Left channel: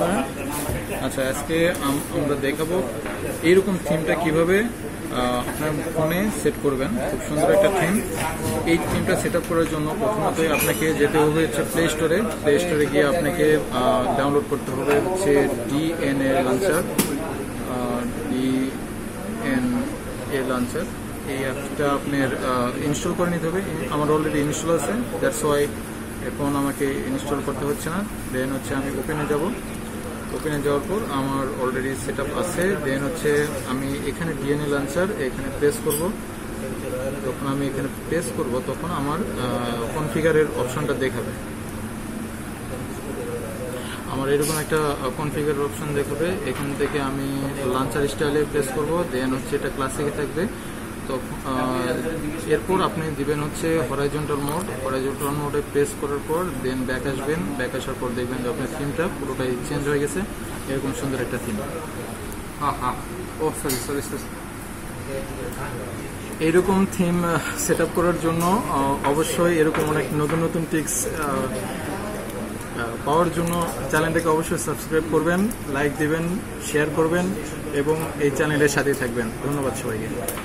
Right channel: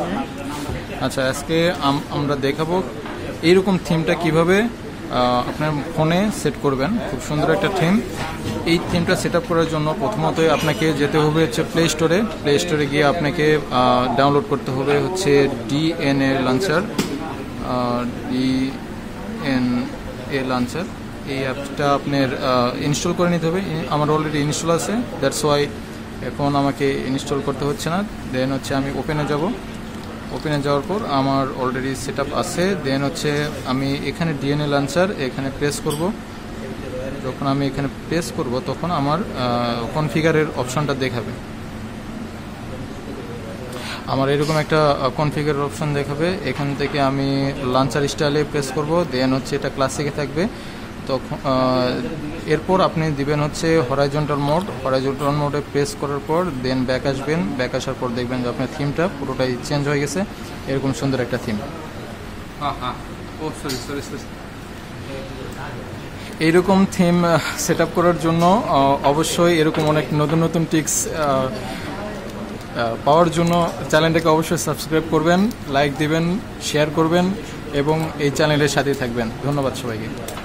করেন। আচ্ছা, আজকে আমরা দেখাবো এইরকম থিমটা কিভাবে আপনার ফোনে সেট করবেন। খুব সুন্দর একটা থিম। এই থিমটা সেট আপ করার জন্য প্রথমতই আপনাকে যেতে হবে হচ্ছে প্লে স্টোরে গিয়ে আপনাকে ডাউনলোড করতে হবে হচ্ছে ডিএনএ লঞ্চার। এই অ্যাপটা আপনার ইনস্টল করে নিতে হবে। আমার অলরেডি ইনস্টল আছে, দ্যাটস ওয়াই এখন আমাকে ইনস্টল করতে হচ্ছে না। দেন হচ্ছে আমি ওপেনে যাব। ওপেনে যাওয়ার পর আমার অলরেডি সেট আপ আছে। দেন হচ্ছে আমি এখানে ডিএনএ লঞ্চার এখানে প্রেস করব। যখন আমি এখানে প্রেস করব তখন আমার কনফিগারের অপশনটা দেখাবে। আমার এরকম একটা কনফিগার অপশন দেখাবে। এখান থেকে আমি লঞ্চার স্টাইলে প্রেস করব। দেন হচ্ছে এটা ক্লাসিকে থাকবে। তখন এরপর আপনি দিবেন হচ্ছে হরাইজন্টাল মোডে প্রেস করার পর দেন ব্যাক আসবেন। ব্যাক আসার পর দেখবেন যে আপনার থিমটা পুরোটাই চেঞ্জ হয়ে গেছে। এরকম সুন্দর একটা থিম। এইরকম থিম সেট আপ করার জন্য অবশ্যই এরকম অনেক নতুন নতুন টিক্স পাওয়ার জন্য চ্যানেলটাকে অবশ্যই সাবস্ক্রাইব করবেন, লাইক দিবেন, শেয়ার করবেন এবং এই চ্যানেলের সাথেই থাকবেন। ধন্যবাদ সবাইকে।